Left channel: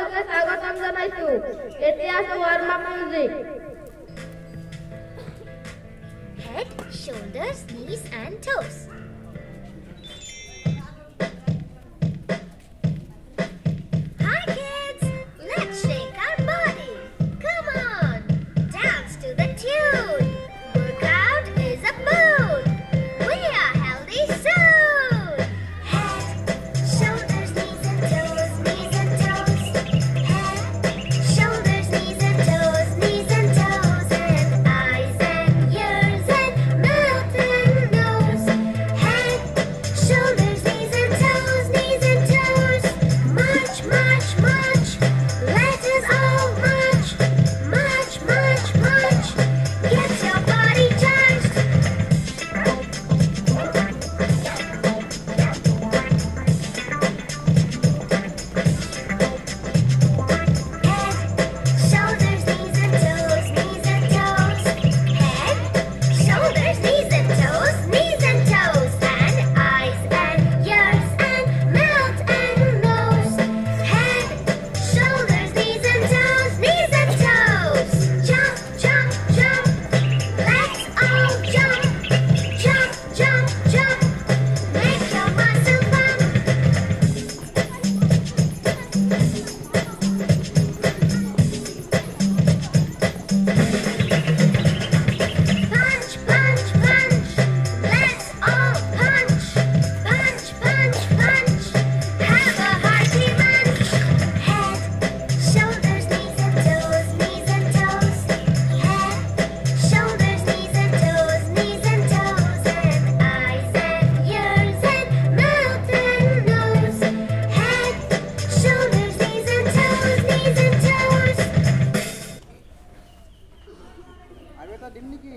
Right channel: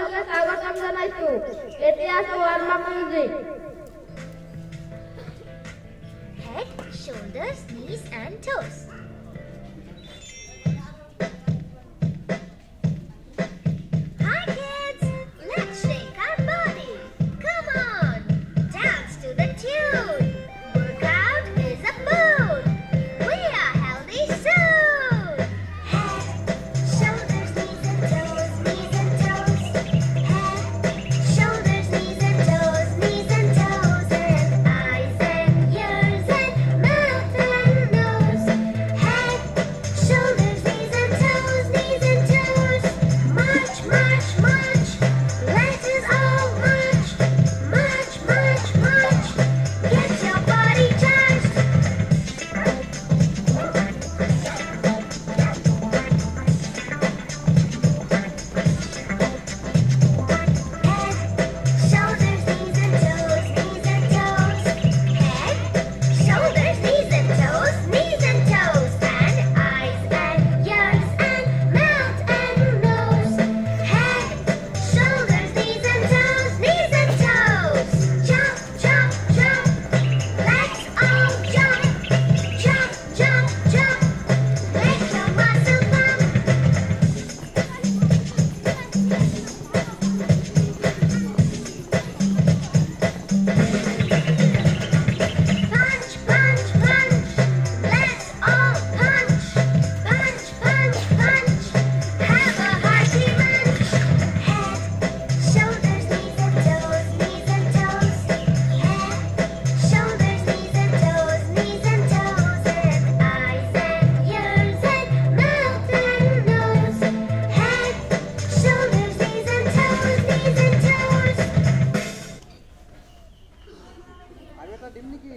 সকলকে স্বাগতম জানাইছো। ইতিহাস warm-up music. Head, shoulders, knees and toes. Hi kids, let's shake our body. Come on, dance to the tune. Workout is a boon. We are healthy soon. Head, shoulders, knees and toes, knees and toes. Head, shoulders, knees and toes, knees and toes, and eyes and ears and mouth and nose. Head, shoulders, knees and toes, knees and toes. March, march, march. Let us all march. March, march, march. Get your body charged. Shoulders, knees and toes, knees and toes. Head, shoulders, knees and toes, knees and toes. And eyes and ears and mouth and nose. Head, shoulders, knees and toes, knees and toes. Jump, jump, jump. Let's all jump. Jump, jump, jump. Make your muscle pump. Punch, punch, punch. Let's all punch. Punch, punch, punch. Have a hearty lunch. Head, shoulders, knees and toes, knees and toes. Head, shoulders, knees and toes, knees and toes. And eyes and ears and mouth and nose. Head, shoulders, knees and toes, knees and toes. আগেটা দিন নাকি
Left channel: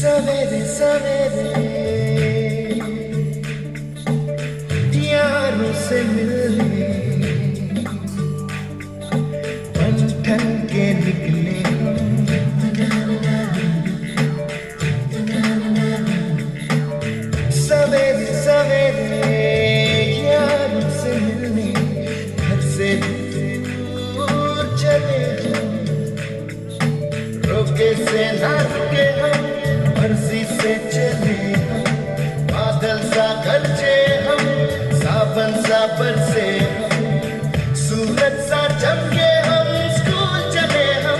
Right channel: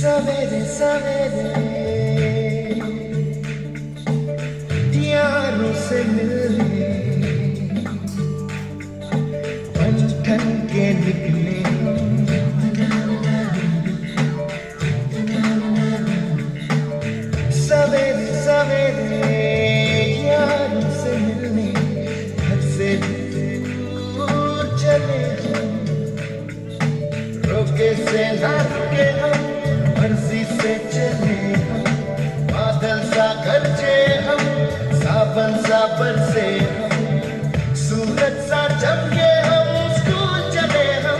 सवेरे सवेरे यारों से मिलने हम ठन के निकले सवेरे सवेरे यारों से मिलने घर से दूर चले रोके से ना रुके हम मर्जी से चले बादल सा गरजे हम सावन सा बरसे सूरज सा चमके हम स्कूल चले हम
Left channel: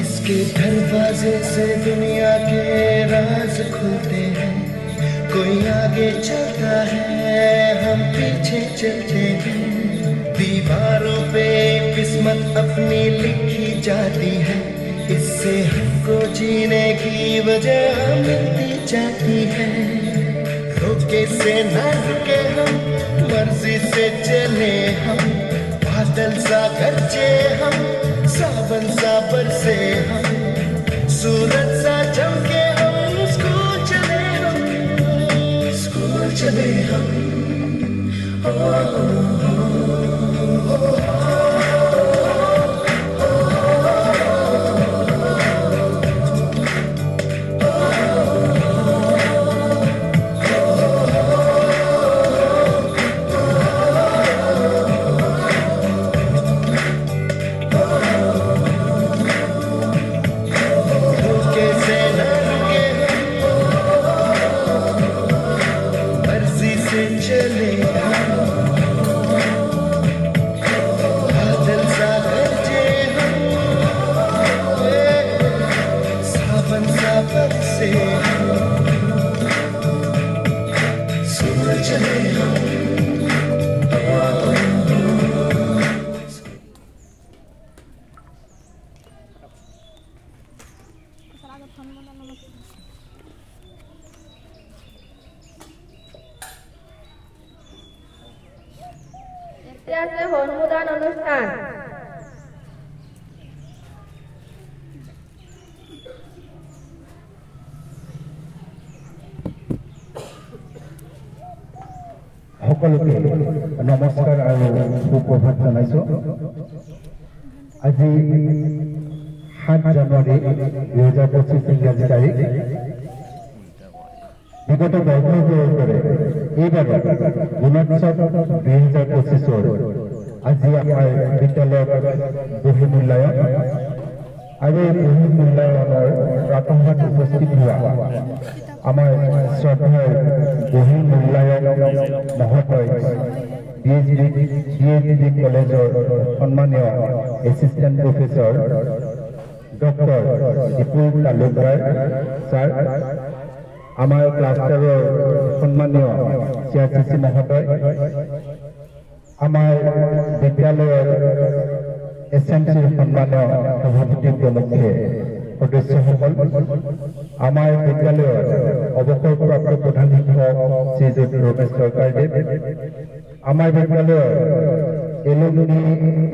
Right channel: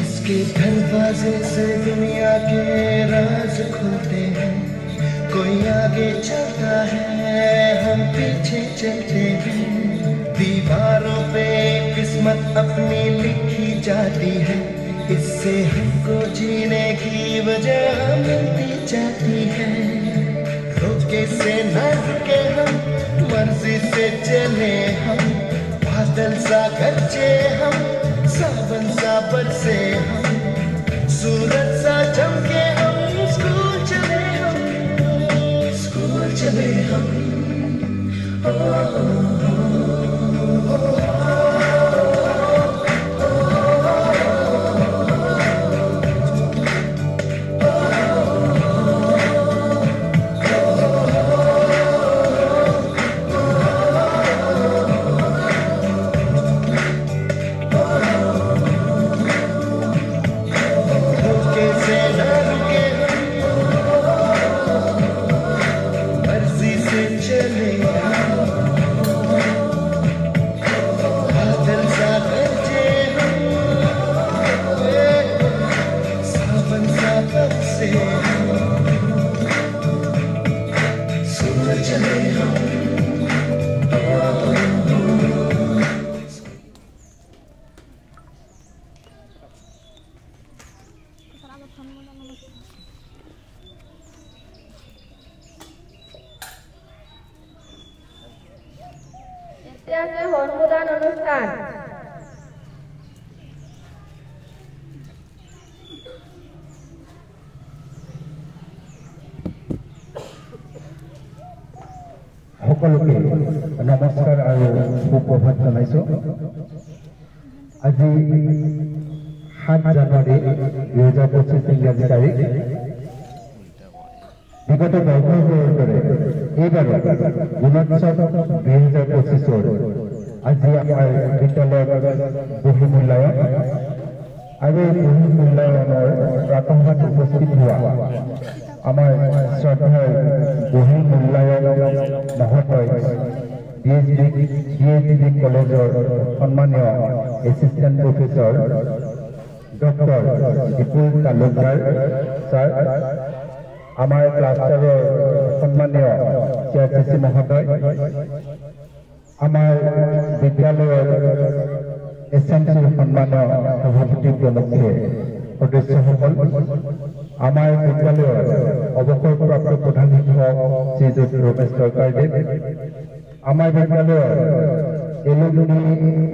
इसके दरवाजे से दुनिया के राज खुलते हैं कोई आगे चलता है हम पीछे चलते हैं दीवारों पे किस्मत अपनी लिखी जाती है इससे हमको जीने की वजह मिलती जाती है रोके से न रुके हम मर्जी से चले हम बादल सा गरजे हम सावन सा बरसे हम सूरज सा चमके हम स्कूल चले हम আছে অনুমোদন অনুষ্ঠান। সকলোকে নমস্কাৰ আৰু সুপ্ৰভাত জনাইছো। আজি 7 জানুৱাৰী 2025 ইংৰাজী তাৰিখ। বিগত বছৰবোৰৰ দৰে এইবাৰো গুণোৎসৱ 2025 আজি আমাৰ বিদ্যালয়ত বহী মূল্যায়ন আৰু বহী মূল্যায়নৰ প্ৰাথমিক উপস্থিত হোৱা আমাৰ শ্ৰদ্ধাৰ বহী মূল্যায়ন মহোদয় DSD কলেজৰ সন্মানীয় assistant professor doctor Dipul Talukdar sir, আমাৰ ক্লাষ্টাৰৰ সন্মানীয় CRCC মহোদয়, আমাৰ বিদ্যালয়ৰ SMCৰ সন্মানীয় সভাপতি প্ৰমুখ্যে সদস্যসকল, আমাৰ বিদ্যালয়ৰ অৱসৰপ্ৰাপ্ত প্ৰধান শিক্ষক শ্ৰীযুত ৰমেশ চৰকাৰদেৱ, আমাৰ বিদ্যালয়ৰ এলুমনি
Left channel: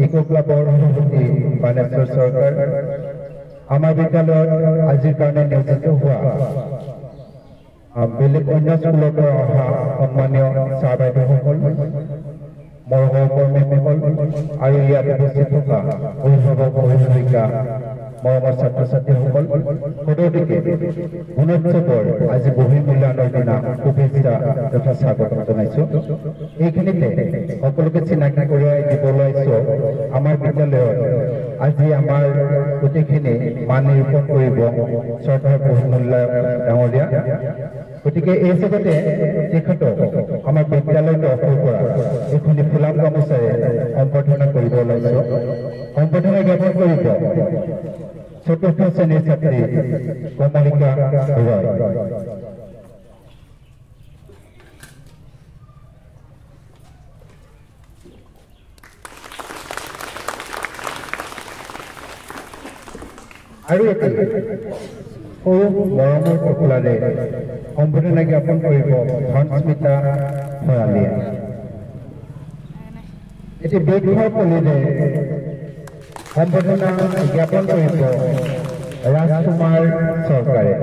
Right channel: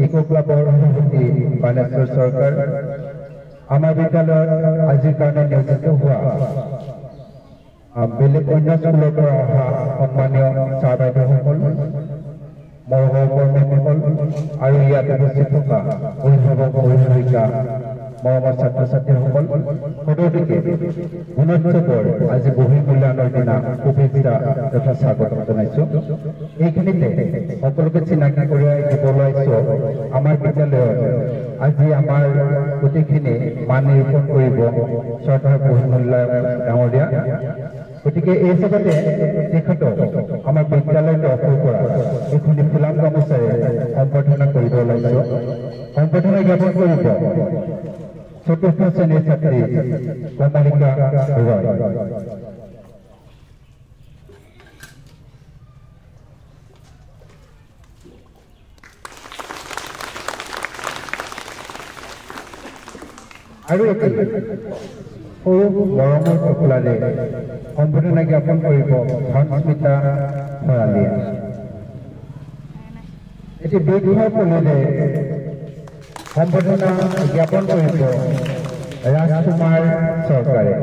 ইকো ক্লাবৰ সভাপতি বানেশ্বৰ চৰকাৰ, আমাৰ বিদ্যালয়ত আজিৰ কাৰণে নিয়োজিত হোৱা বেলেগ অন্য স্কুলৰ পৰা অহা সন্মানীয় ছাৰ বাইদেউসকল, মৰমৰ কৰ্মীসকল আৰু ইয়াত উপস্থিত থকা অভিভাৱক অভিভাৱিকা, মৰমৰ ছাত্ৰ ছাত্ৰীসকল, সকলোকে গুণোৎসৱৰ আজি বহী মূল্যায়নৰ দিনা শুভেচ্ছা তথা স্বাগতম জনাইছো। এইখিনিতে সকলোকে চিনাকি কৰাই দিব ওলাইছো আমাৰ বিদ্যালয়ত আজি আমাৰ গোটেইখিনি মান নিৰূপণ কৰিব শ্ৰদ্ধাৰ বহী মূল্যায়ন ডাঙৰীয়া। গতিকে এই জগতে তেখেতক আমাৰ বিদ্যালয়ৰ তৰফৰ পৰা এইখনি ফুলাম গামোচাৰে সম্বৰ্ধনা কৰিব ওলাইছো। সম্বৰ্ধনা জ্ঞাপন কৰিব চতুৰ্থ শ্ৰেণীৰ ছাত্ৰী কমলিকা ৰয়। আৰু সৰু মৰমৰ কপলাৰে সম্বৰ্ধনা জ্ঞাপন কৰিব ধনস্মিতা ভৰালীয়ে। এটি দীৰ্ঘ কলিৰে সম্বৰ্ধনা জ্ঞাপন কৰিব ৰাজকুমাৰ চৰকাৰে।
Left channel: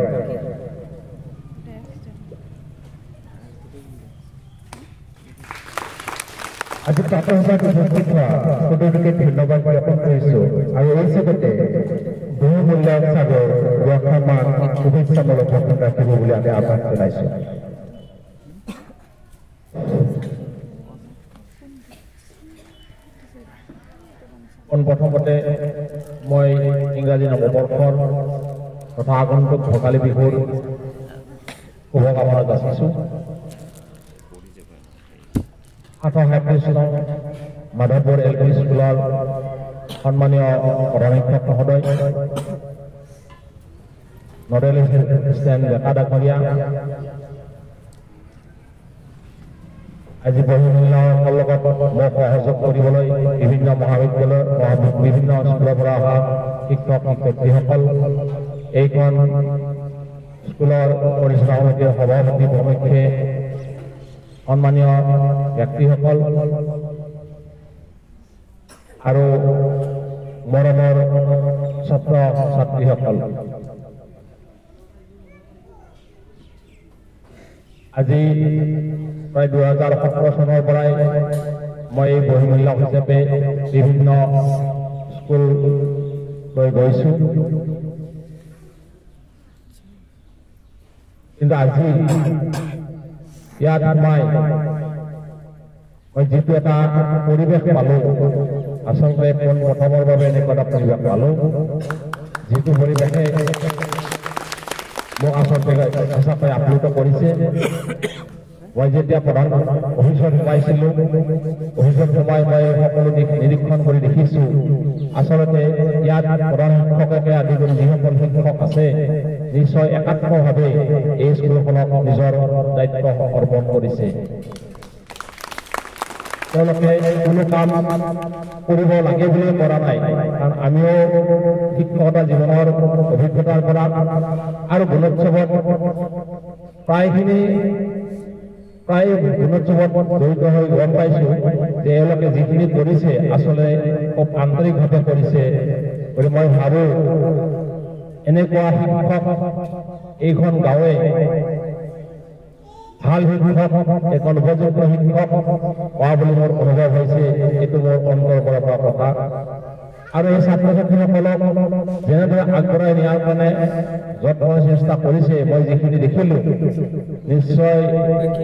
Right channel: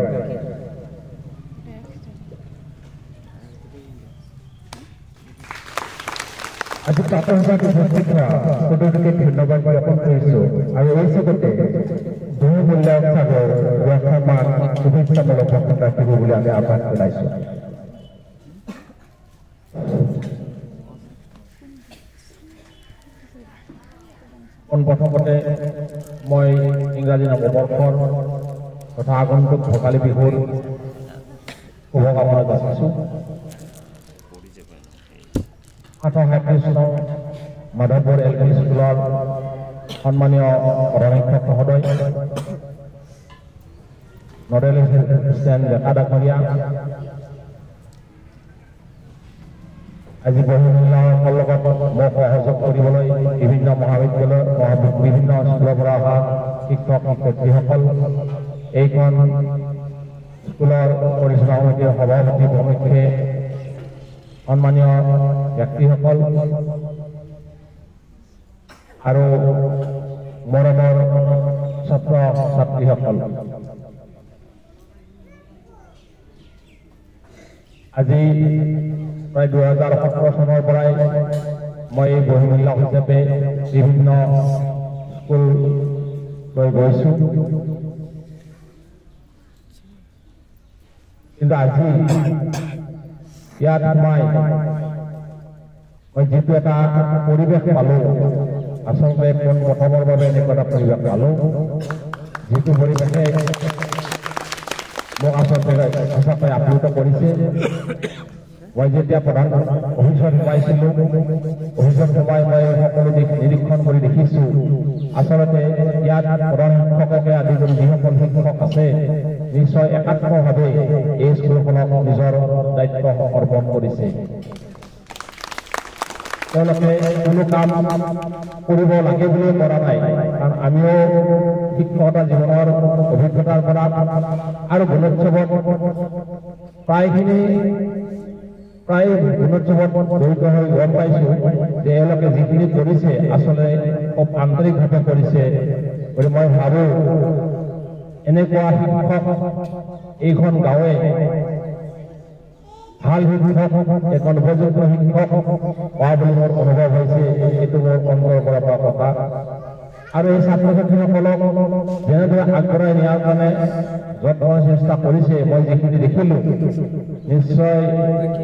আজি ছাত্ৰসভাত উপস্থিত হোৱা সকলোকে ধন্যবাদ জ্ঞাপন কৰিছো আৰু এই জগতে বহু মূল্যায়ন সাগৰ বৰ্ষমান শুভেচ্ছামূলক ভাষণ ৰাখিব বুলি আমি আহ্বান জনাইছো। প্ৰথমতে মই ইংৰাজী নৱবৰ্ষৰ তথা আগন্তুক ভোগালী বিহুৰ শুভকামনা যাচিছো। 1937 চনৰ মাধৱপুৰ LP স্কুলৰ সন্মানীয় প্ৰধান শিক্ষক মহোদয়, নডেল এছিষ্টেণ্ট ডেকা ডাঙৰীয়া, আজি বহী মূল্যায়নৰ লগত মোক সহযোগ কৰিবলৈ বিভিন্ন মহাবিদ্যালয় বিভিন্ন স্কুলৰ পৰা অহা শিক্ষক শিক্ষয়িত্ৰীসকল, এইখন স্কুলৰ পৰিচালনা সমিতিৰ সভাপতি প্ৰমুখ্যে সন্মানীয় ব্যক্তিসকল আৰু মৰমৰ ছাত্ৰ ছাত্ৰীসকল, আজি প্ৰায় 2017 চনৰ পৰাই মই এই বহী মূল্যায়ন হিচাপে বিভিন্ন স্কুললৈ গৈছো। কিন্তু আজি ইয়াত মই যিটো এটা পৰিৱেশ পালো, আচলতে প্ৰথমৰ বাবে এনেকুৱা এটা পৰিৱেশ পালো, যিটো পৰিৱেশে মোক আচলতে সঁচাকৈ আপ্লুত কৰিছে। মই যেতিয়া প্ৰধান অফিচত সোমাইছিলো, অফিচত সোমাই মই সকলো দিশ নিৰীক্ষণ কৰি দেখিছো, আচলতে ইয়াত প্ৰধান শিক্ষককে আদি কৰি যিসকল শিক্ষক আছে নিশ্চয় একাত্মভাৱে এই স্কুলখনক নিজৰ দায়িত্ব অৰ্পণ কৰিছে। তেওঁলোকে কোনো কাম কৰিব লাগে বুলি কৰা নাই, কাৰণ আমিও শিক্ষকতা জীৱনৰ অভিজ্ঞতাৰ পৰা আৰু গুণোৎসৱত প্ৰায়খিনি প্ৰায় গুণোৎসৱত জড়িত হৈ গম পাইছোঁ যে এওঁলোকে যিখিনি কৰিছে আচলতে খুব আন্তৰিকভাৱে কৰিছে বুলি মই ভাবোঁ। এনেকুৱা শিক্ষক এইখন গাঁৱে ভাল শিক্ষক এখন উপযুক্ত শিক্ষক পোৱা বুলি মোৰ অনুভৱ হৈছে। এইটো মোৰ অন্তৰৰ পৰা পোৱা কথা। আৰু এই ছাত্ৰ ছাত্ৰীসকলক যেনেদৰে আগবঢ়াই নিয়াৰ কাৰণে যত্ন চেষ্টা কৰিছে মই যিখিনি দেখিলোঁ নিশ্চয়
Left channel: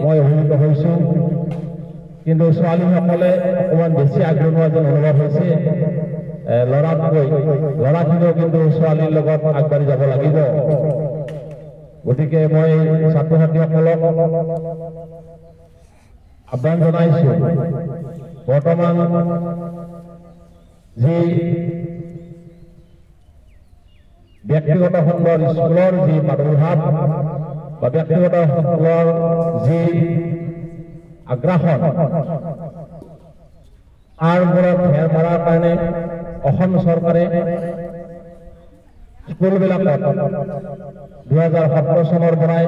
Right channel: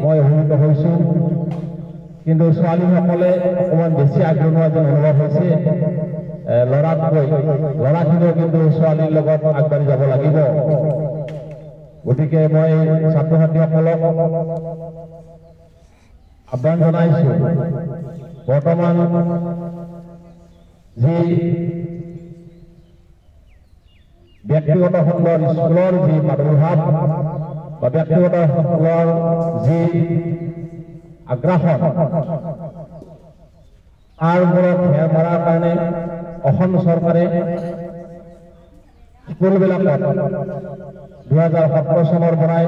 মই অভিভূত হৈছোঁ। কিন্তু ছোৱালীসকলে অকণমান বেছি আগ্ৰহ যেন অনুভৱ হৈছে ল'ৰাতকৈ। ল'ৰাখিনিও কিন্তু ছোৱালীৰ লগত আগবাঢ়ি যাব লাগিব। গতিকে মই ছাত্ৰ ছাত্ৰীসকলক আহ্বান জনাইছোঁ, বৰ্তমান যি ব্যক্তিগত খণ্ডৰ স্কুলৰ যি প্ৰাদুৰ্ভাৱ বা ব্যক্তিগত খণ্ডৰ যি আগ্ৰাসন তাৰ ওপৰত ঘেৰ মৰাৰ কাৰণে অসম চৰকাৰে স্কুলবিলাকত 2017 চনৰ পৰাই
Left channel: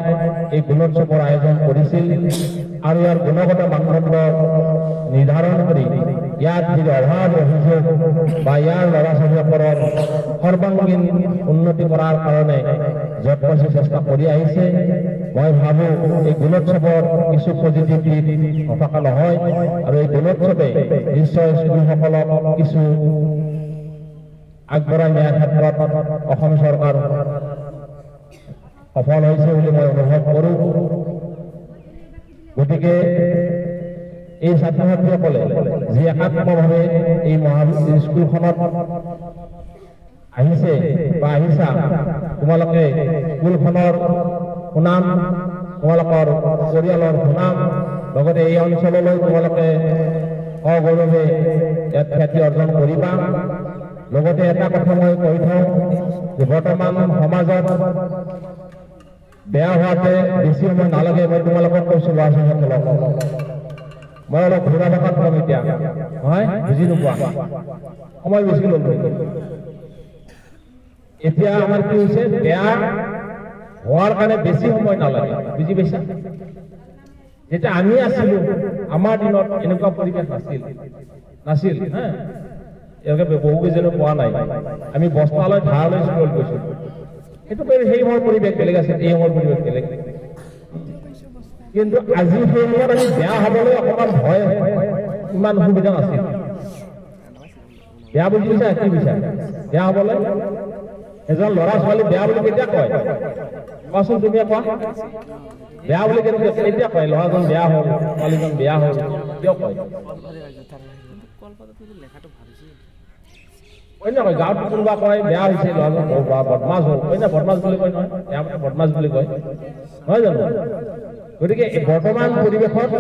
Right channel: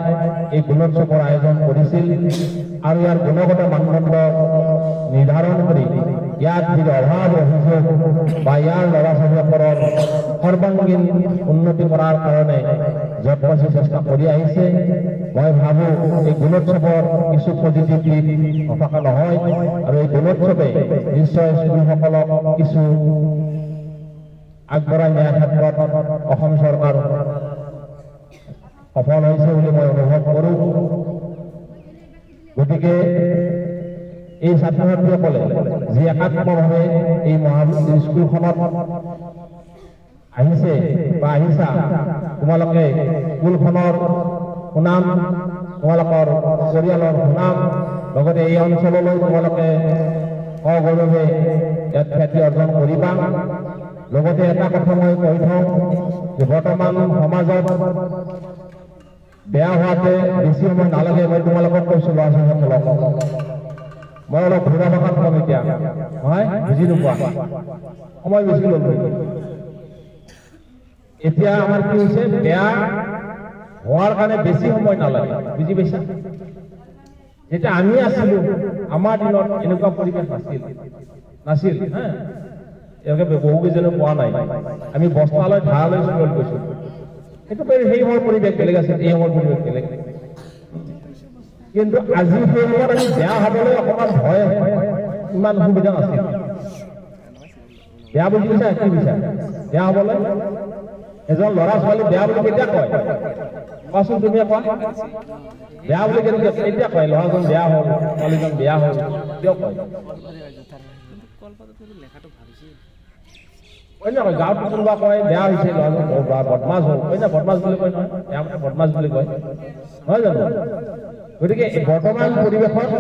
এই গুণোৎসৱৰ আয়োজন কৰিছিল আৰু ইয়াৰ গুণগত মানদণ্ড নিৰ্ধাৰণ কৰি ইয়াত যি অভাৱ অভিযোগ বা ইয়াৰ ল'ৰা ছোৱালীসকলৰ সৰ্বাংগীন উন্নতি কৰাৰ কাৰণে যৎপৰোনাস্তি চেষ্টা কৰি আহিছে। মই ভাবোঁ এই গুণোৎসৱৰ কিছু পজিটিভ দিশ নথকা নহয় আৰু এই গুণোৎসৱে নিশ্চয় স্কুলসকলক কিছু আগবঢ়াই নিয়াৰ ক্ষেত্ৰত অসম চৰকাৰ সফল হৈছে বুলি মই অনুভৱ কৰোঁ। গতিকে এই ছাত্ৰ ছাত্ৰীসকলে যি একাত্মভাৱে এই স্কুলখনত আহিছে বা আহিছা, তোমালোকে স্কুলখনৰ সুনাম, তোমালোকৰ পৰিয়ালৰ সুনাম, লগতে এই অঞ্চললৈ তোমালোকে অগৌৰৱে ইয়াত খ্যাতি অৰ্জন কৰিবা। লগতে এটা কথা মই কৈ থওঁ যে বৰ্তমান সমাজত বেয়া হোৱাতে বেছি সময় নালাগে। মই তোমালোকক কৈছোঁ ল'ৰা ছোৱালীসকলক, মই অলপ ঘূৰা ভাষাত কম এতিয়া, হয় বুজি নোপোৱা, সময় বেছি ল'লো। এতিয়া আমাৰ কি হৈছে, বেয়া হোৱাৰ কাৰণে বেছি সময় নালাগে, বুজি পাইছা? যেতিয়া আমি আছিলোঁ আমাৰ দিনত এনেকুৱা পৰিৱেশ নাছিল। এওঁলোকে বহুকেইজনে পোৱা নাই। আমি বস্তালৈ ধাৰালৈ স্কুলত গৈছিলোঁ। সেইটো সেই সময়ৰ পৰিৱেশ বেলেগ আছিল, এই সময়ৰ পৰিৱেশ বেলেগ। কিন্তু আজি সেই সময়ত আমি বেয়া হ'বলৈ অকণমান ভয়, ইমান সুবিধা নাছিল। বেয়া বুলি বিচাৰে কি বিচাৰে বেয়া হ'বলৈ? এজন ল'ৰা ছোৱালী বেয়া বুলি কেতিয়া কয় কোৱাচোন, তুমিয়ে কোৱা। বেয়া বুলি কেতিয়া কয়? ল'ৰাজন বেয়া হ'ল, ছোৱালীজন বেয়া হ'ল, কিয় কয়? অন্য কয় গাঁৱত কোনোবা কয় বেয়া হৈছে ল'ৰাজন বদমাছ হ'ল, অন্য বদমাছ বুলি কয় নহয়, বদমাছ বুলি কয়, নহয় জানো? গতিকে বৰ্তমান পৰিৱেশত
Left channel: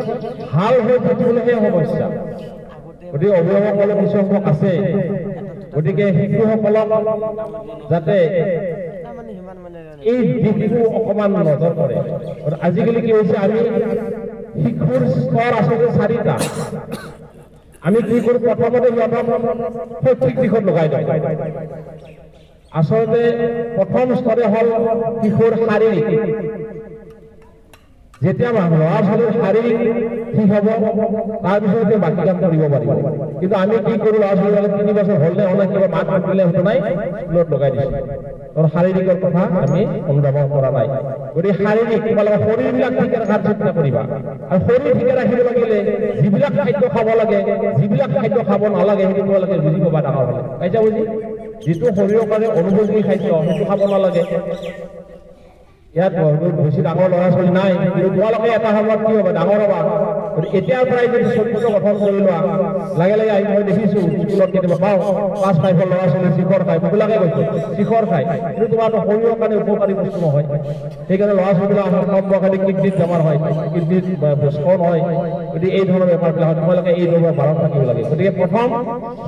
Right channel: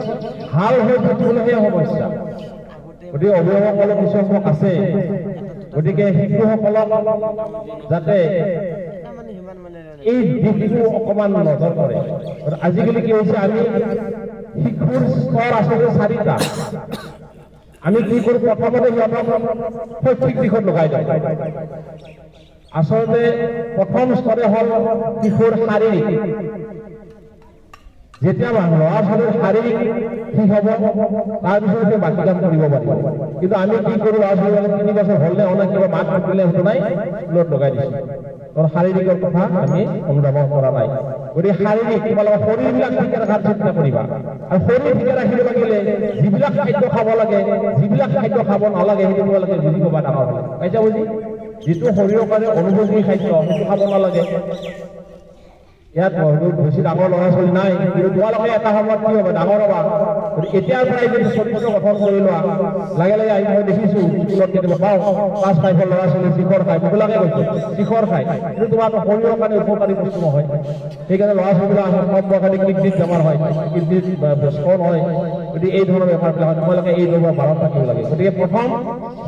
ভাল হৈ থাকিবলৈহে সমস্যা। গতিকে অভিভাৱকসকলৰ কিছু সংখ্যক আছে। গতিকে শিশুসকলক যাতে এই দিশটো অকণমান নজৰ কৰে। আজিকালি কি হৈছে, আমি শিশুৰ স্তৰ আচলতে 4টা। আমি কি কৰোঁ, প্ৰথমতে সিহঁতক শৈক্ষিক দিশত লগাই দিওঁ। আচলতে প্ৰথম স্তৰে হ'ল শিশুৰ শাৰীৰিক। যেতিয়া ল'ৰা ছোৱালীৰ শাৰীৰিক ঠিক হ'ব তাৰপিছতে বাকী কাম কৰিব পাৰিব। কিন্তু আমি কি কৰোঁ, ল'ৰা ছোৱালী 3 বছৰ হ'ল নে হ'লে কিবা মাত মাতিলে সেইটো নাই, স্কুলত লগাই দিছোঁ। শাৰীৰিকৰ কথা আমি অনুধাৱন কৰা নাই। গতিকে শাৰীৰিক তোমালোকৰ শৰীৰবিলাক ঠিকে ৰখাৰ চেষ্টা কৰিবা। আৰু শৰীৰ ঠিকে ৰাখিব লাগিলে যিবিলাক খাদ্য খাব লাগে, যিবিলাক খাদ্য খাব নালাগে সেইটো তোমালোকে বুজি পাবা ডাঙৰ হ'লে। পাইছা বুজি? যিটো শৰীৰৰ কাৰণে অনুপযোগী খাদ্য সেইটো খাব নালাগে। ইয়াত বেছি ডাঙৰ ল'ৰা ছোৱালী নাই, কিন্তু তোমালোকে এটা সময়ত কি হ'ব, ডাঙৰ হ'বা। এতিয়াৰ পৰাই যদি চৰিত্ৰ গঠন কৰি লোৱা, লাহে লাহে আহি মই দেখিছোঁ স্কুলত কেতিয়াবা পাওঁ ক্লাছ 5ৰ ল'ৰা ছোৱালী শিখৰ খায়, মোকলাকে কৈছোঁ শিখৰ খায়, কিন্তু তোমাৰতো শৰীৰৰ কাৰণে উপকাৰী বস্তু নহয়। সেইকাৰণে ল'ৰা ছোৱালীবিলাক কম বয়সতে কিডনীত বেমাৰ হয়, কিডনীত ষ্ট'ন হয়। গতিকে এই ধৰণৰ বেমাৰবিলাক হয়, তোমালোকে এই ধৰণৰ বাৰত থাকিব লাগে। গতিকে প্ৰথম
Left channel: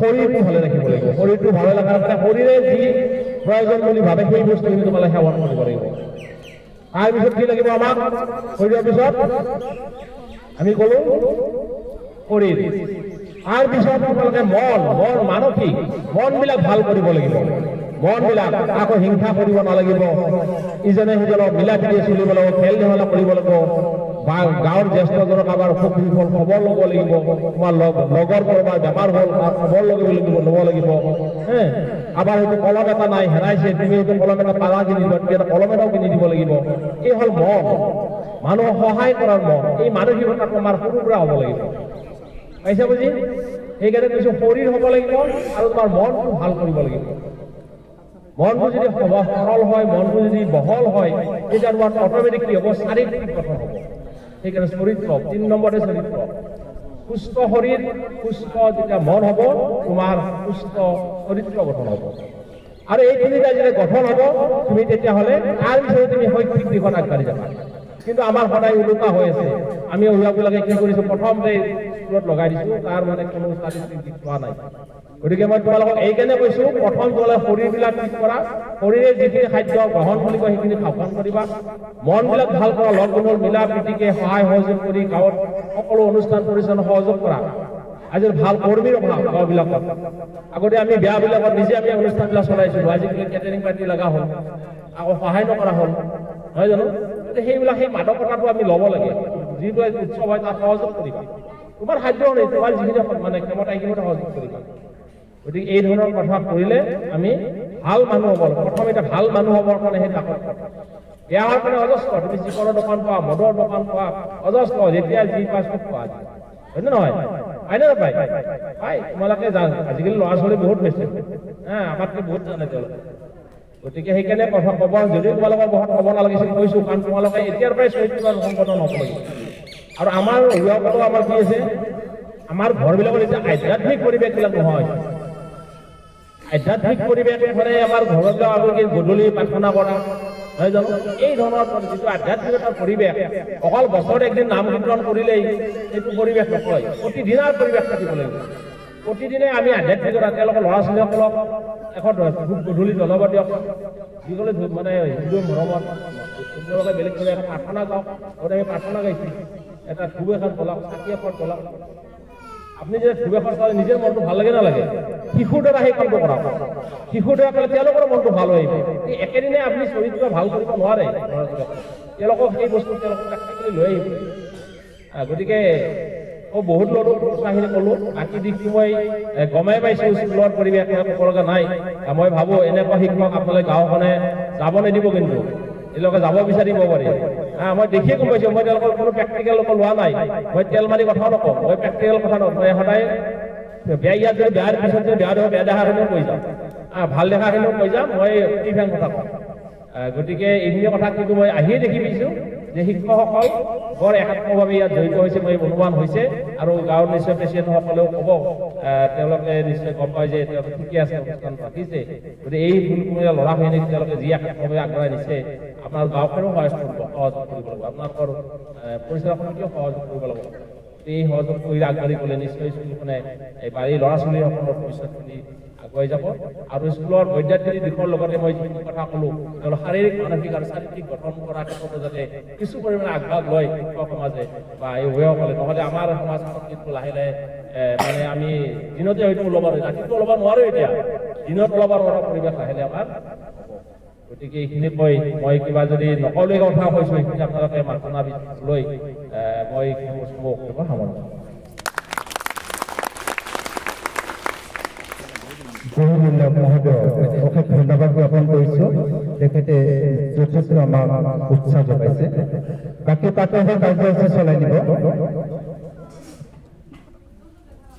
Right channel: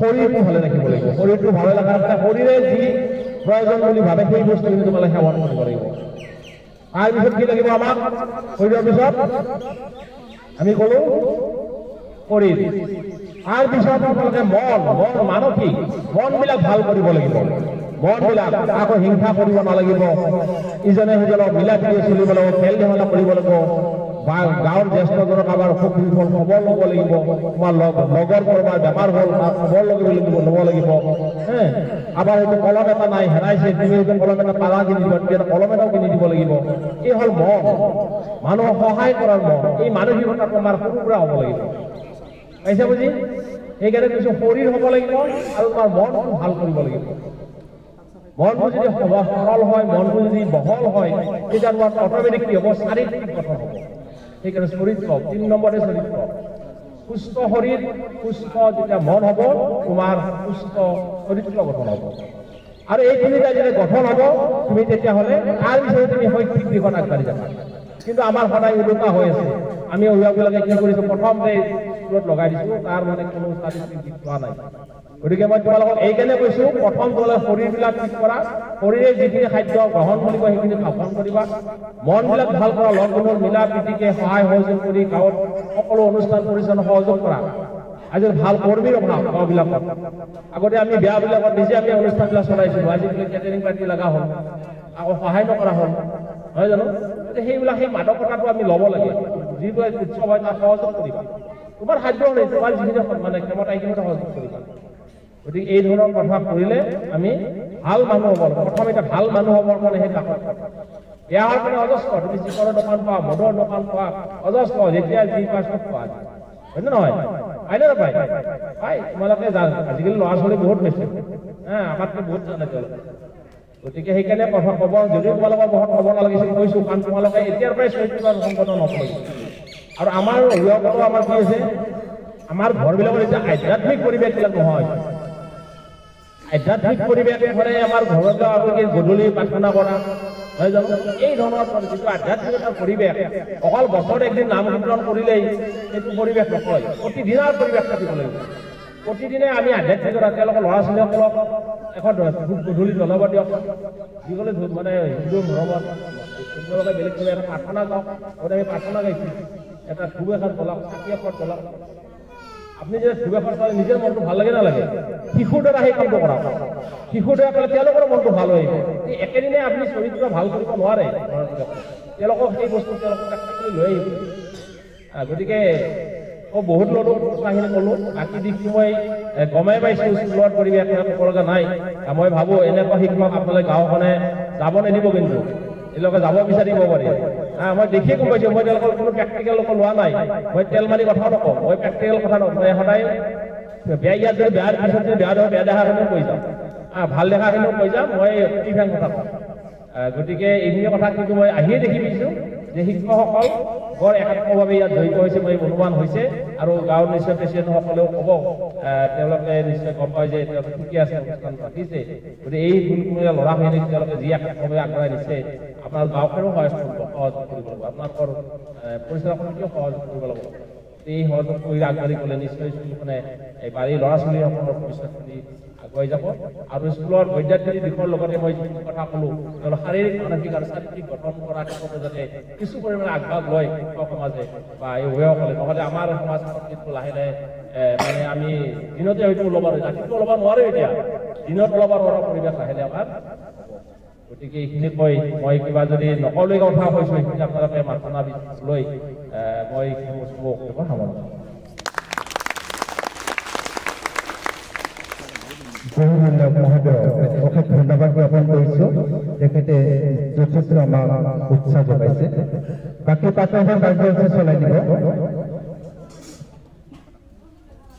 শৰীৰটো ভালে ৰাখিব লাগিব। শৰীৰটো ভালে ৰখাৰ কাৰণে শৰীৰে যি প্ৰয়োজন বুলি ভাবে সেই বস্তুখিনি তোমালোকে সেৱন কৰিব লাগিব। তাৰপিছত কি লাগিব আমাক? শৰীৰৰ পিছত আমি ক'লো শৰীৰ, তাৰপিছত আপোনালোকে মন মানসিক মনবিলাক ভাল কৰিব লাগিব। মনবিলাক আকৌ হিংসা কৰিব নালাগিব, ইজনে সিজনক মিলা প্ৰীতিৰে চলিব লাগিব, খেল ধেমালি কৰিব লাগিব, বা গাঁৱৰ জ্যেষ্ঠজনক আমাৰ অসুখ বিসুখ খবৰ ল'ব লাগিব, তোমাৰ লগৰ কৰবাৰ বেমাৰ হ'ল তাৰ খবৰ ল'ব লাগিব। আবার হয়তো কলম এটা নাই হেরাইছে, তুমি হয়তো কলম এটা পালা কিনি দিবা, তুমি এটা কলম এটাও কিনি দিব লাগিব। এই হল মন, মানুহক সহায় কৰাৰ মন। এই মানসিকতা তোমাৰ সৰুৰ পৰা হ'ব লাগিব, পাইছে বুজি? সেইকাৰণে কিছু শৰীৰ হ'ব লাগিব আৰু তোমাৰ মনটো ভাল কৰিব লাগিব। মনটো যদি সৰল হয়, মনটো যদি বহল হয়, তেতিয়া তোমাৰ অট'মেটিক কি হ'ব? শাৰীৰিক গঠন হ'ব। সেইকাৰণে চৰিত্ৰ ৩ নম্বৰতে চৰিত্ৰ। সুস্থ শৰীৰ, সুস্থ যেতিয়া মন হ'ব, তোমাৰ সুস্থ চৰিত্ৰ গঠন হ'ব। আৰু এই তিনিটা যদি গঠন হ'ব, তুমি তেতিয়াহ'লে তাৰ পিছতে তুমি শৈক্ষিক দিশত আগবাঢ়ি যাবা। কিন্তু আমাৰ সদায় ওলোটা হৈ আছে। আমি অভিভাৱকবিলাকে কি কৰিছোঁ, প্ৰথমতে স্কুলত লগাই দিছোঁ, তাৰ মানে কোনো ষ্টাটিষ্টিক দিশ পোৱা নাই। গতিকে মই তোমালোকক এইকাৰণে কৈছোঁ, প্ৰথম তোমালোকে শৰীৰবিলাক ঠিক কৰা, শৰীৰে যিখিনি খাদ্য গ্ৰহণ কৰিব সেইখিনি গ্ৰহণ কৰিবা। মনবিলাক ভাল কৰা, লগ বন্ধুৰ মিলা প্ৰীতিকে সহায় সহযোগ কৰি গাঁৱত সকলো অনুষ্ঠান পৰিচালনা সহযোগ কৰা। আজি ভাল কৰ্মীৰ অভাৱ গাঁওবিলাকত। আগতে আমি বিয়াবিলাকত নিজে আমি অনুষ্ঠানবিলাক চলাইছিলোঁ, আজিকালি কেটাৰিং পাৰ্টি লগা হ'ল, আকৌ সহায় নকৰা হ'ল, নহয় জানো? সেইবিলাক সেই মাদকতাটো আমি ল'ব লাগে। যিটো উৎসৱ হয় তাত সহযোগ কৰিবা। তোমাৰ সাধ্য নেই, তোমাৰ যিখিনি মানে ক্ষমতা সেইখিনিতে সহযোগ কৰিবা। গতিকে এই ধৰণৰ কথা কৰিলে আমি ভাল মানুহ হ'ব লাগিব। প্ৰথম এতিয়া ভাল মানুহ হ'বৰ কাৰণে সেই তাকত বেয়া হোৱাৰ কাৰণে অজস্ৰ, তুমি চিকৰৰ দোকান পোৱা, মদৰ দোকান পোৱা, অজস্ৰ, যেতিয়া যি পাই চব পোৱা যায়, হয়নে নহয়? হয়নে নাপায়? পাই, তোমালোকে জান, আজিকালি ল'ৰা ছোৱালী বহুত বেছি, আমাতকৈ বহুত জানে তেওঁলোকে। গতিকে সেইকাৰণে কথা ক'ব, যদিও তোমালোকৰ বহুত ক'ব নালাগিছিল কৈছোঁ, কাৰণ তোমালোকে এতিয়াৰ পৰাই চৰিত্ৰ সংগঠন হ'ব লাগিব। আৰু আমাৰ অভিভাৱকতো আমাৰ কি আছে, আমাৰ ঘৰবিলাকত এতিয়া আধ্যাত্মিক পৰিৱেশবিলাক নহয়। আধ্যাত্মিক পৰিৱেশ মানে আমাৰ ঘৰত আমি গধূলি প্ৰাৰ্থনা কৰা, নহয় জানো? এই ধৰণৰ যিটো আধ্যাত্মিকতাৰ পৰিৱেশ, অকল বছৰত একদিন নাম কীৰ্তন কৰিলেই সেইটো পৰিৱেশ নকয়, প্ৰতিদিনৰ পৰিৱেশ থাকিব লাগিব। প্ৰতিদিনে আমি আধ্যাত্মিকতা তেওঁলোকৰ ল'ৰা ছোৱালীসকলক এখন গধূলি জলবা দিয়ক, যিকলে মানে হিন্দু মৰমত সুন্দৰভাৱে বেলেগ কৰি এটা প্ৰাৰ্থনা গাওক। গতিকে আমি প্ৰাৰ্থনা গাইছোঁ, এটা ধূপ এখন জ্বলাওক, চাকি এখন জ্বলাওক। আপুনি যেতিয়া ধূপ এখন জ্বলালে নিজৰ মনটো ভাল লাগে নালাগে? শিশুৰ দ্বাৰা সেই কামটো কৰা, শিশুৰ দ্বাৰা কৰিলে তেওঁলোকৰ মনটো ভাল হৈ আহিব। এই একেদিনে আপুনি চৰিত্ৰ ভাল কৰিব নোৱাৰে, তেওঁলোকক সেই বস্তু তেওঁলোকক লৈ আহিব। গতিকে বহুত ল'লো কথাখিনি ক'লোঁ, বাকী দিশটো মই গমেই পাইছোঁ, স্কুলৰ পৰিৱেশ ক'ব লগা নাই। মই ভাবোঁ এনেকুৱা শিক্ষক আপোনালোকে গাঁওখনে যাব নিদিব, কিন্তু তেওঁলোকে যাব বিচাৰিব পাৰি। মই দেখিয়ে গম পাইছোঁ, মই তেওঁলোকৰ কোনো প্ৰেক্টিকেল লোৱা নাই। মই তেল মাৰি কথাও নকওঁ, মই প্ৰেক্টিকেল কথা নকওঁ। মই সদায় বেয়া, ইয়াত যদি বেয়াৰ পিছত যদি বেয়া দেখোঁ, বেয়া দেখাখিনিও কৈ যাম, ভাল দেখাখিনিও কৈ যাম। মই প্ৰতিভান কথা কওঁ। গতিকে এইখিনি কথা কিন্তু মই আহিয়ে দেখি পাইছোঁ যে শিক্ষকসকল বৰ একাত্মভাৱে ইয়াত জড়িত হৈছে, মই অনুমান হৈছে। আৰু গাঁৱৰ নিশ্চয় প্ৰেচিডেণ্টসকলেও ক'ব, তেওঁলোকে নিশ্চয় গম পায় যে তেওঁলোকে ঠিকে আছে, অনুষ্ঠান ৰাখিছে। গতিকে এই ভুলকুমীয়া ল'ৰাখিনিক তেওঁলোকে যি একাত্মভাৱে আগবঢ়াই নিছে, আপোনাৰ গাঁওখনেও সহযোগ কৰিব লাগিব, আপোনালোকৰ পৰিচালনাখনকো সহযোগ কৰিব লাগিব। এই সহযোগ কৰি আগবাঢ়ি গ'লে নিশ্চয় স্কুলখনে এই ল'ৰা ছোৱালীসকলৰ ভৱিষ্যতখিনি আগুৱাই যাব। আৰু স্কুলৰ বৈদ্যাতিক দিশৰ লগতে মই যিখিনি কথা ক'লোঁ, তেওঁলোক শাৰীৰিক মানসিক আৰু চাৰিত্ৰিক গঠন কৰা ক্ষেত্ৰতো যাতে কিছু পৰিমাণে আগভাগ লয় শিক্ষক সমাজে বা এই অভিভাৱকসকলে। নহ'লে আমাৰ সমাজখন কিন্তু লাহে লাহে মানে আমি দিনতে হয়তো ওলাব নোৱাৰোঁ, ৰাতিটো ওলাব নোৱাৰোঁ, এতিয়া দিনত ওলাব নোৱাৰা পৰিৱেশ লাহে লাহে আমাৰ। গতিকে এইখিনি কৈ মই কিবা যদি নকলগীয়া কথা কৈছোঁ, সেইখিনি আপোনালোকে মাথা লৈ মই বক্তব্য সামৰণি। বহুমূল্য মহোদয় অশেষ ধন্যবাদ জ্ঞাপন কৰিছোঁ। তেখেতে যথেষ্ট আমাক উৎসাহ যোগাইছে। বাকী প্ৰাত্যহিক কাৰ্যসূচী চলাই দিব।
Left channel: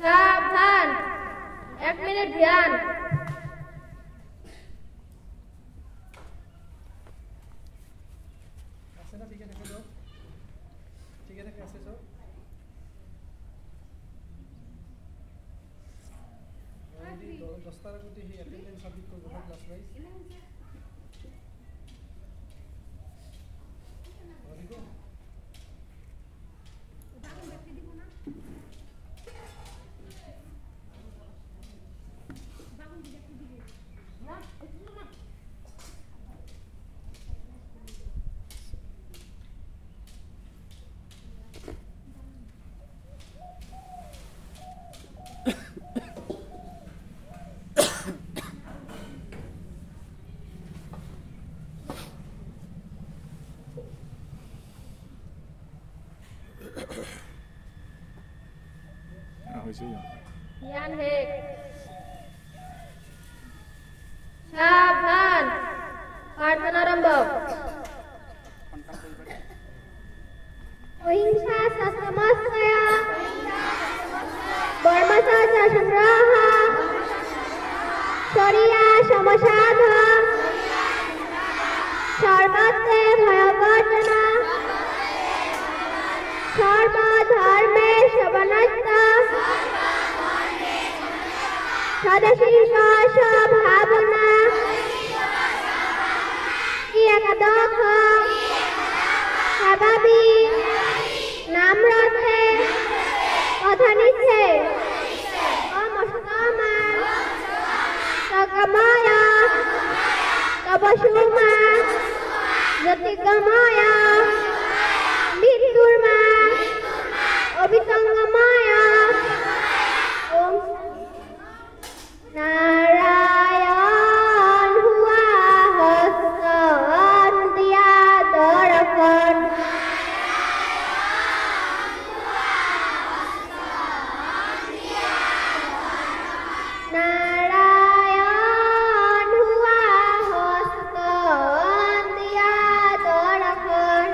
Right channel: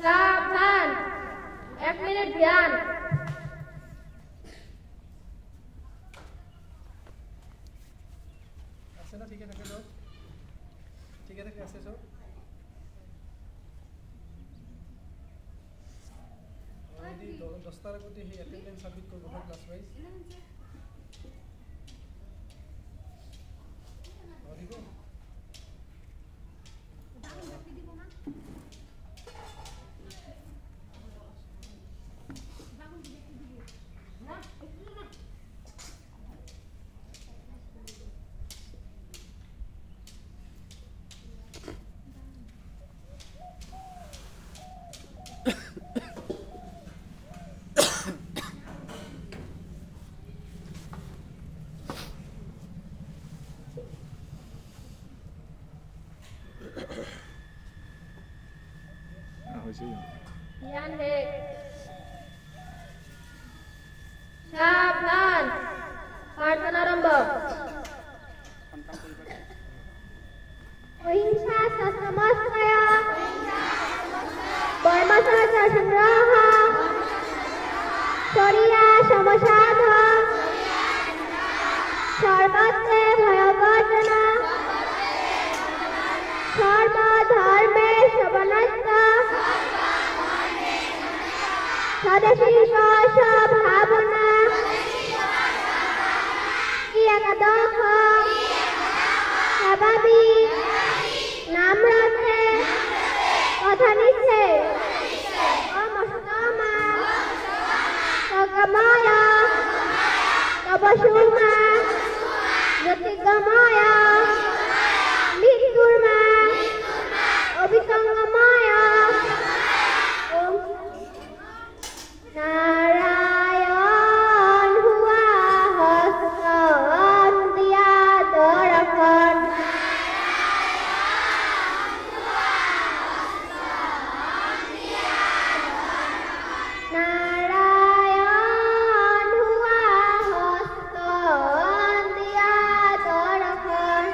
সাবধান, 1 মিনিট ধ্যান। ध्यान है सावधान प्रार्थना आरंभ अहिंसा समस्या कर्मचाचा संग्रह शरिया समसाध सर्वत्रे भयवर्जना सर्वधर्मे शवनस्थ स्वदेशी भावना एकदख स्वाभाविक नाम्रते अधनिष्ठे अमस्तमा सगमय तपसुमा ज्योतिर्गमय मृत्युर्मा अभिसंगमय ओम नारायण हुआ हस्तन दिया दर्पण नारायण हुआ हस्तन दिया दर्पण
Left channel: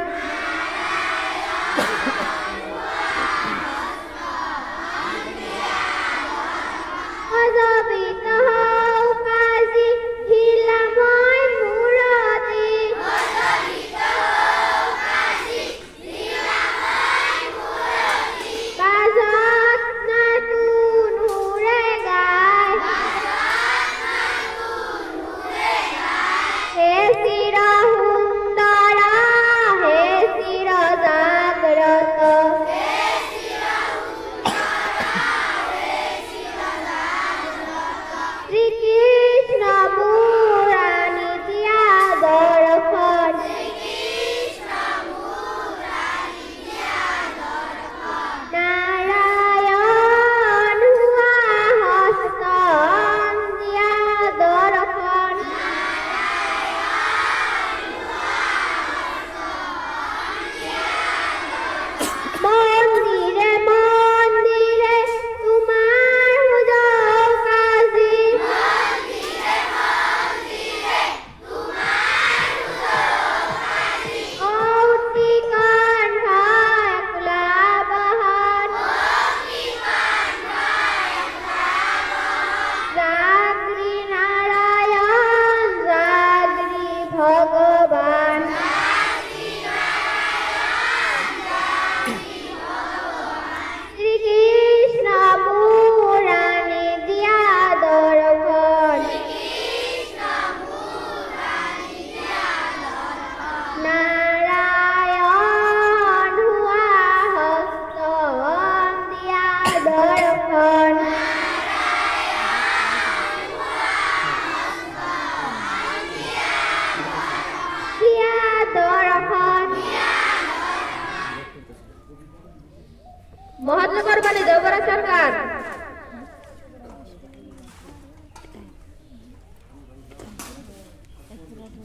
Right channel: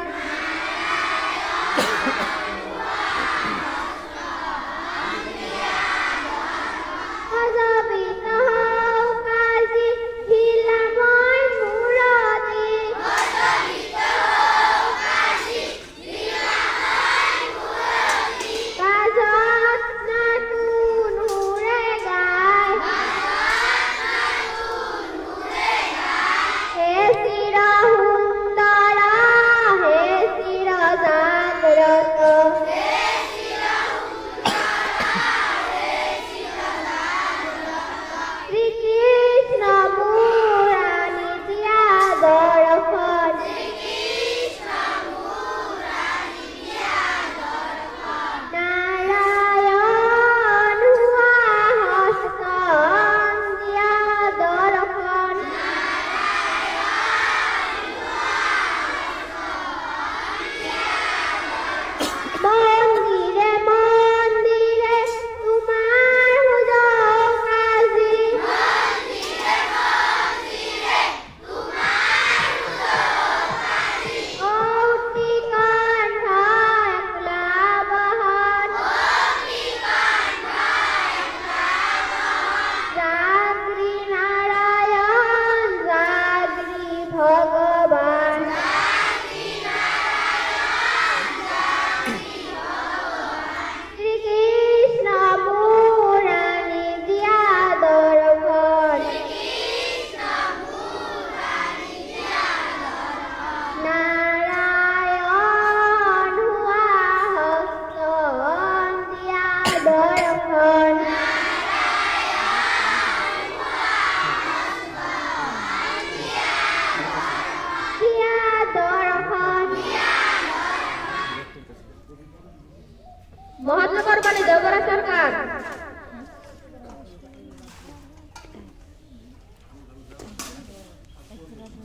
महात्मा कुर्बानी देवगढ़ सरकार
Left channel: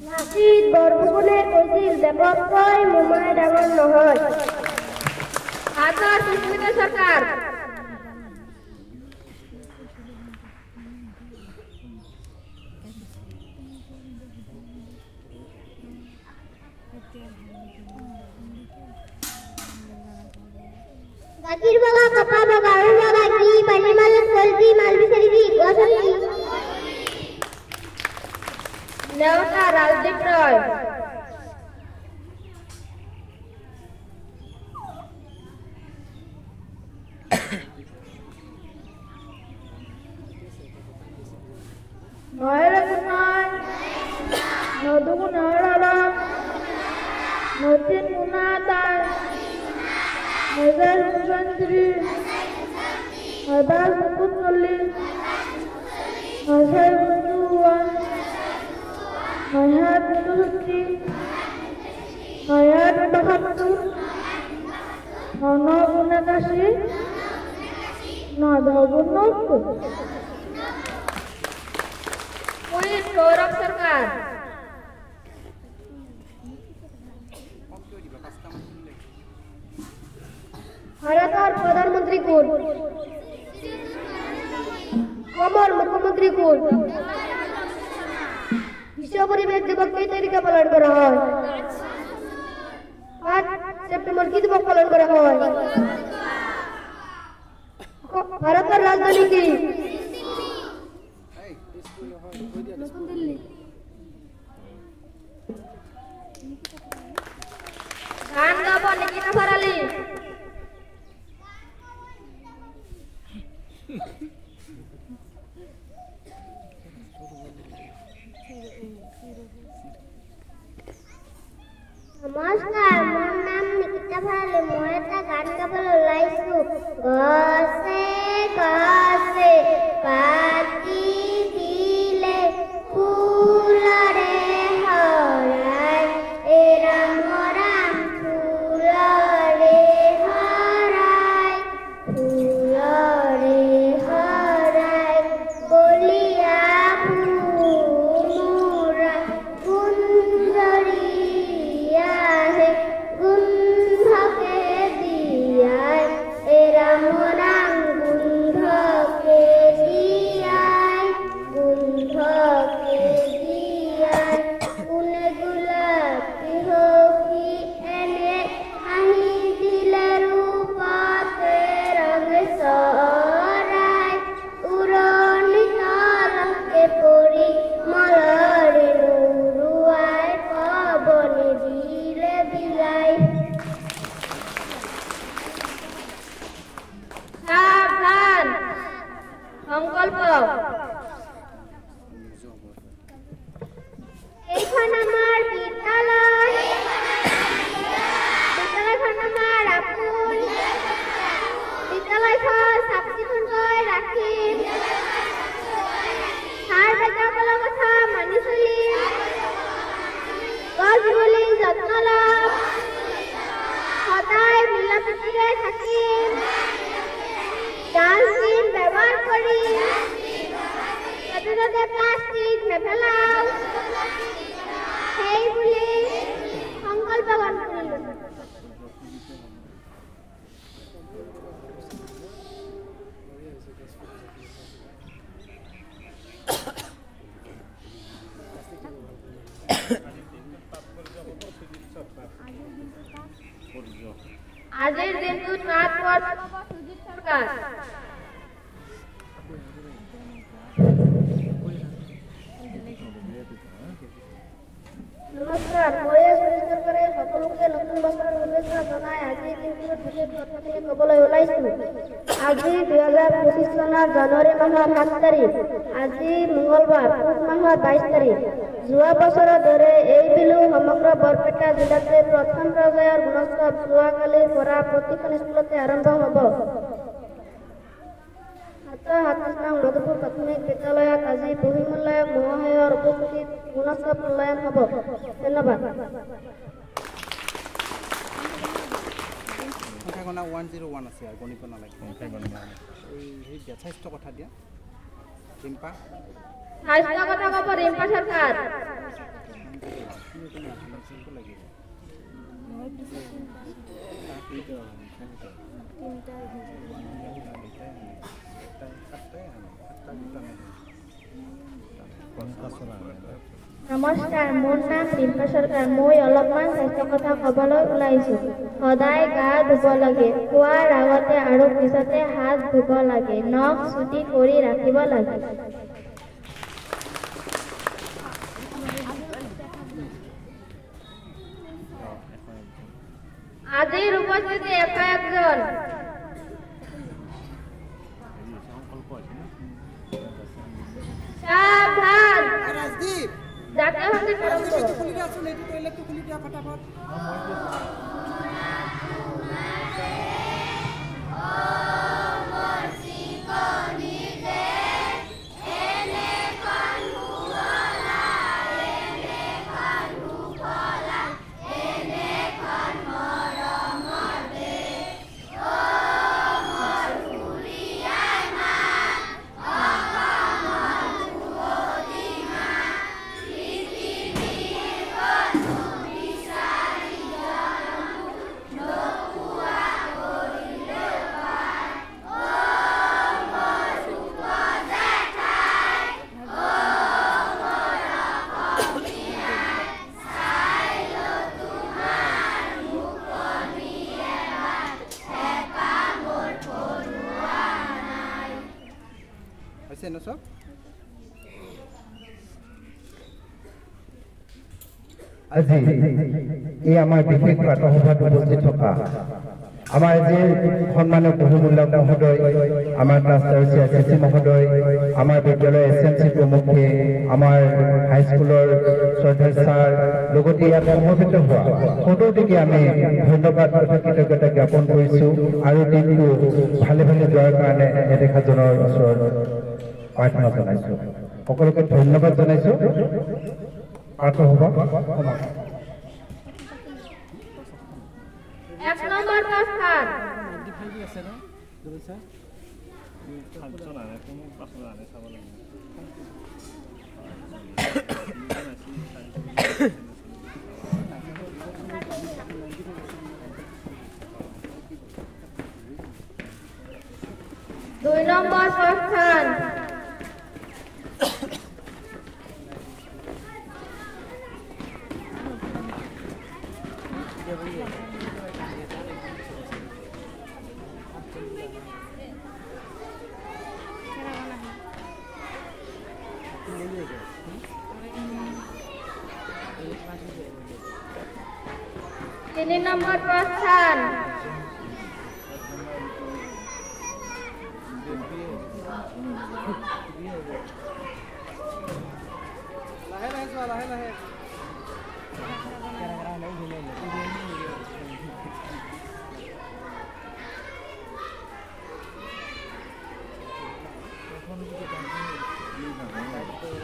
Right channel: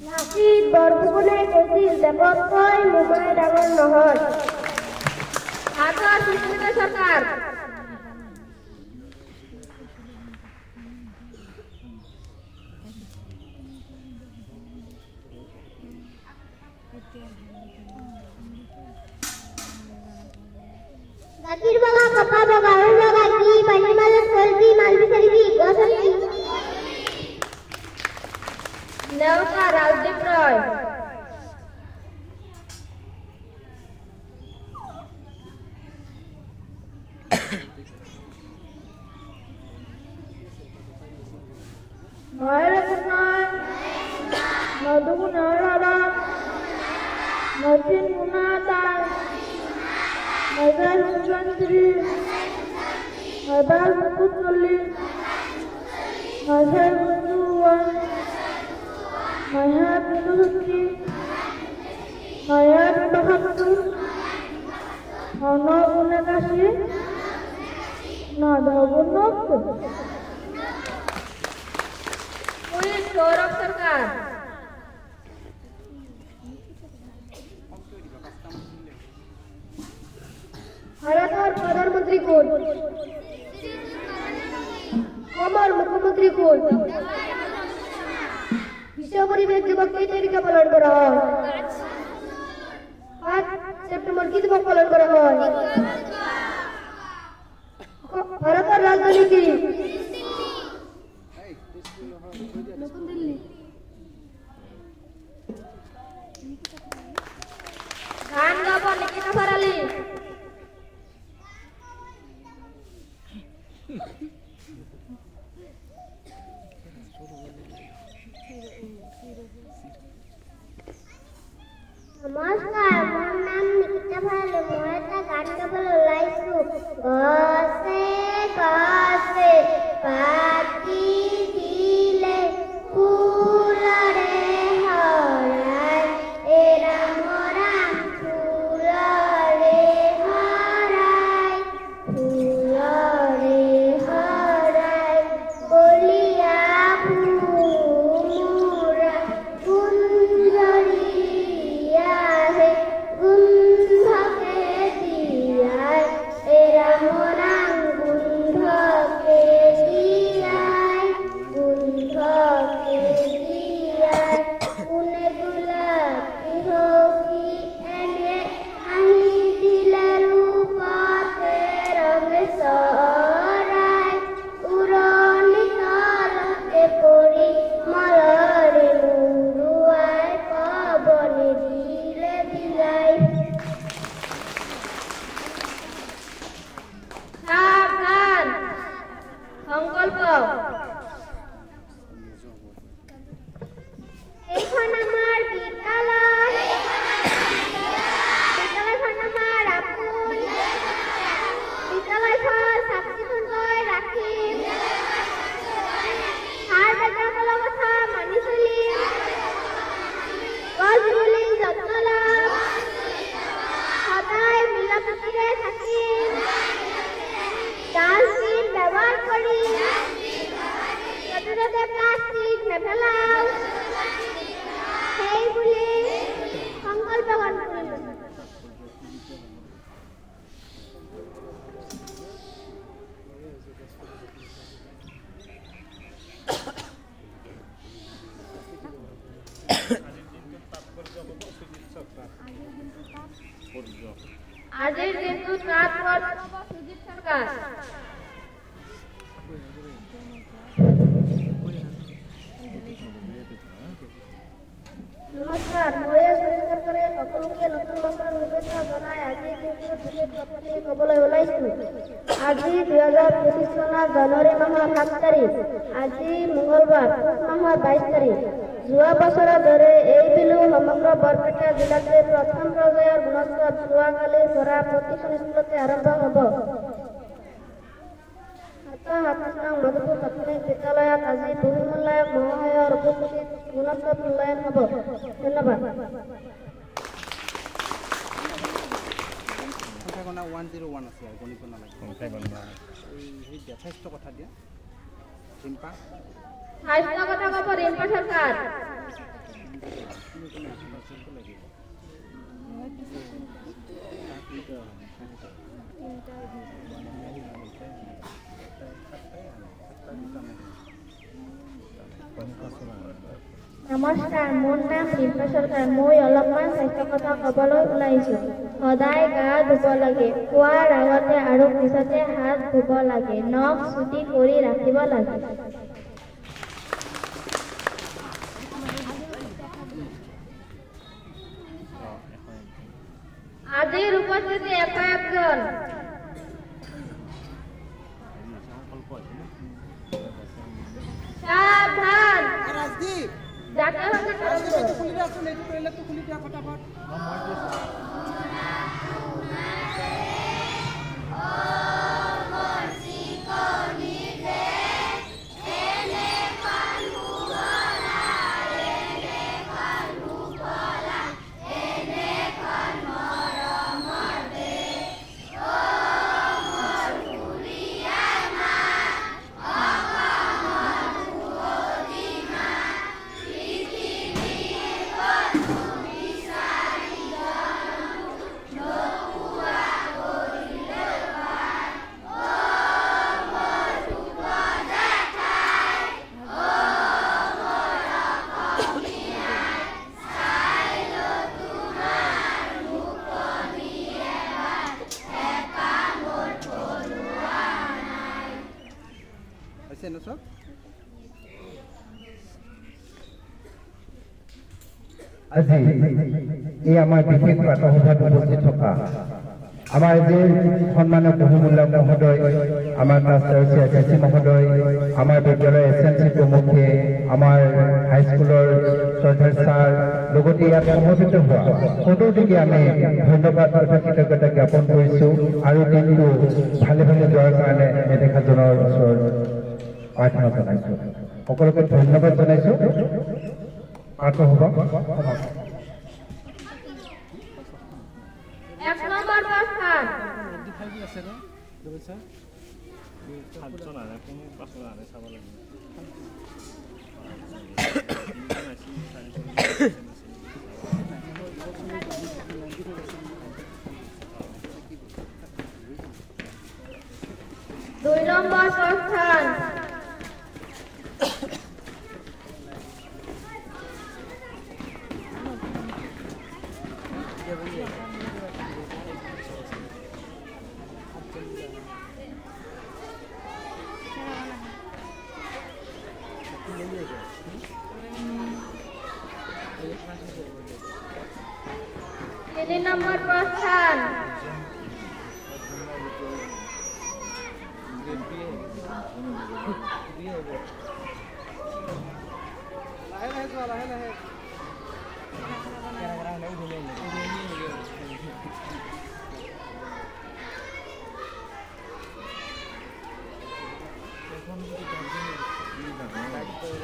नासिक बरबुले कोसिल देवकोई मुंबई डांगर नहर आकाश सुष्मिता सरकार Bakir baga papa baga baga bagi panimal selvi malvi selvi gosali Navka Rajdeep Roy Maharajman Madhu Narada Martin Munatan Nazar Mantri Adal Mutuli Nazar Mutuan Hayat Mutuki Hayat Mutuki Hana Punakashi Nada Punakku Pulis Gaurav Sarkar Bharat और प्रधानमंत्री code কোন? বিশ্ব পরিবেশ দিবস কী তারিখে পালন করা হয়? 8 September কী দিবস পালন করা হয়? ভারতের রাজধানী কি? নতুন দিল্লি। গান গাবো নিকিতা ফারালি। নমস্কাৰ, মোৰ নাম নিকিতা ভৰালী। মই এটা গান গাবলৈ ওলাইছো। গছে গছে পাতি দিলে ফুলৰে হৰাই, এ ৰাম ৰাম ফুলৰে হৰাই, ফুলৰে হৰাই কলিয়া ভোমোৰা গুঞ্জৰি আহে গুন্ধকে দিয়াই, এ ৰাম ৰাম গুন্ধকে দিয়াই, গুন্ধকে দিয়াই। কোনে গোলাপী হকি এনে হাঁহি দিলে ৰূপতে ৰঙে চৰাই, উৰণি তলকে পৰি মলৰে উৰুৱাই পৱনে দিলে বিলাই। সাৱধান সংকল্প। এইখন আমাৰ বিদ্যালয়, বিদ্যালয়খন আমাৰ আপোন, বিদ্যালয়খন চাফ চিকুণকৈ ৰাখিম, ছাৰ বাইদেউসকলৰ কথা মানি চলিম, গছ ৰুলিং যত্ন ল'ম, সদায় মিলা প্ৰীতিৰে থাকিম, ডাষ্টবিন ব্যৱহাৰ কৰিম, য'তে ত'তে প্লাষ্টিক নেপেলাম, সেই বুলি সংকল্প গ্ৰহণ কৰিলোঁ। আজিৰ দিনটোত মাত পঠাব সুজিত চৰকাৰ। নমস্কাৰ, মই সুজিত চৰকাৰে সকলোকে নতুন বছৰৰ শুভেচ্ছা জনাই আজিৰ দিনটোত বিশেষ কথাটি ক'বলৈ ওলাইছোঁ। আজি 2025 চনৰ জানুৱাৰী মাহৰ 7 তাৰিখ। আজি মঙলবাৰ, পুহ মাহৰ 22 তাৰিখ। যোৱা বছৰৰ দৰে এই বিহু সমগ্ৰ বৰপেটা জিলাতে প্ৰথম পৰ্যায়ৰ গুণোৎসৱ যোৱাকালিৰ পৰা প্ৰতিখন স্কুলতে আৰম্ভ হ'ব। ৭৭ নং মধুপুৰ প্ৰাথমিক বিদ্যালয়ত আজি বহুমূল্যায়ক মহাশয়ৰ উপস্থিতিত গুণোৎসৱ মূল্যায়ন হ'ব। ধন্যবাদ। 101 আছে আৰু গণিত নালাগে। এই যথেষ্ট কথা দিয়া ৰিম্পা। স্বাস্থ্য কথা ক'ব ৰিম্পা চৰকাৰ। নমস্কাৰ, মোৰ নাম ৰিম্পা চৰকাৰ। মই অলপমান স্বাস্থ্য কথা ক'বলৈ ওলাইছোঁ। সদায় গা ধুব লাগে, খোৱাৰ আগতে আৰু পিছতে হাত ধুব লাগে, নখ চুটি কৰি ৰাখিব লাগে। আজিৰ উপস্থিতি 101 জন। সাৱধান জাতীয় সংগীত আছে ন সব আজি এই আমাৰ বিশেষ প্ৰাতঃসভাত উপস্থিত থকা আমাৰ যে সন্মানীয় বহুমূল্য মহোদয় আমাৰ ক্লাছ চিএসি মহোদয় আমাৰ বিদ্যালয়ৰ এছএমচি প্ৰমুখে আমাৰ হাইস্কুলৰ শ্ৰদ্ধেয় ছাৰ লগতে ইয়াত সমবেত হোৱা সকলোকে আমি ধন্যবাদ তথা কৃতজ্ঞতা জ্ঞাপন কৰিছোঁ আৰু দিনটো ভালে ভালে যোৱাৰ কাৰণে নেদেখাজনৰ ওচৰত প্ৰাৰ্থনা জনাইছোঁ সকলোকে ধন্যবাদ জনাইছোঁ প্ৰাতঃসভা এক নম্বৰ প্ৰস্থান আছে না দুই স্যাৰ দুই নম্বৰ প্ৰস্থান তিন নম্বৰ প্ৰস্থান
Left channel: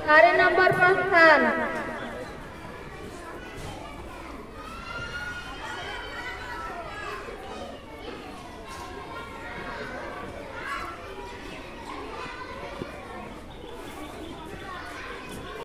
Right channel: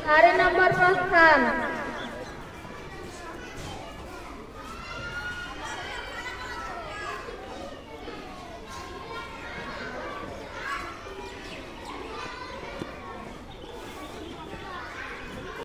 চাৰ নম্বৰ প্ৰস্থান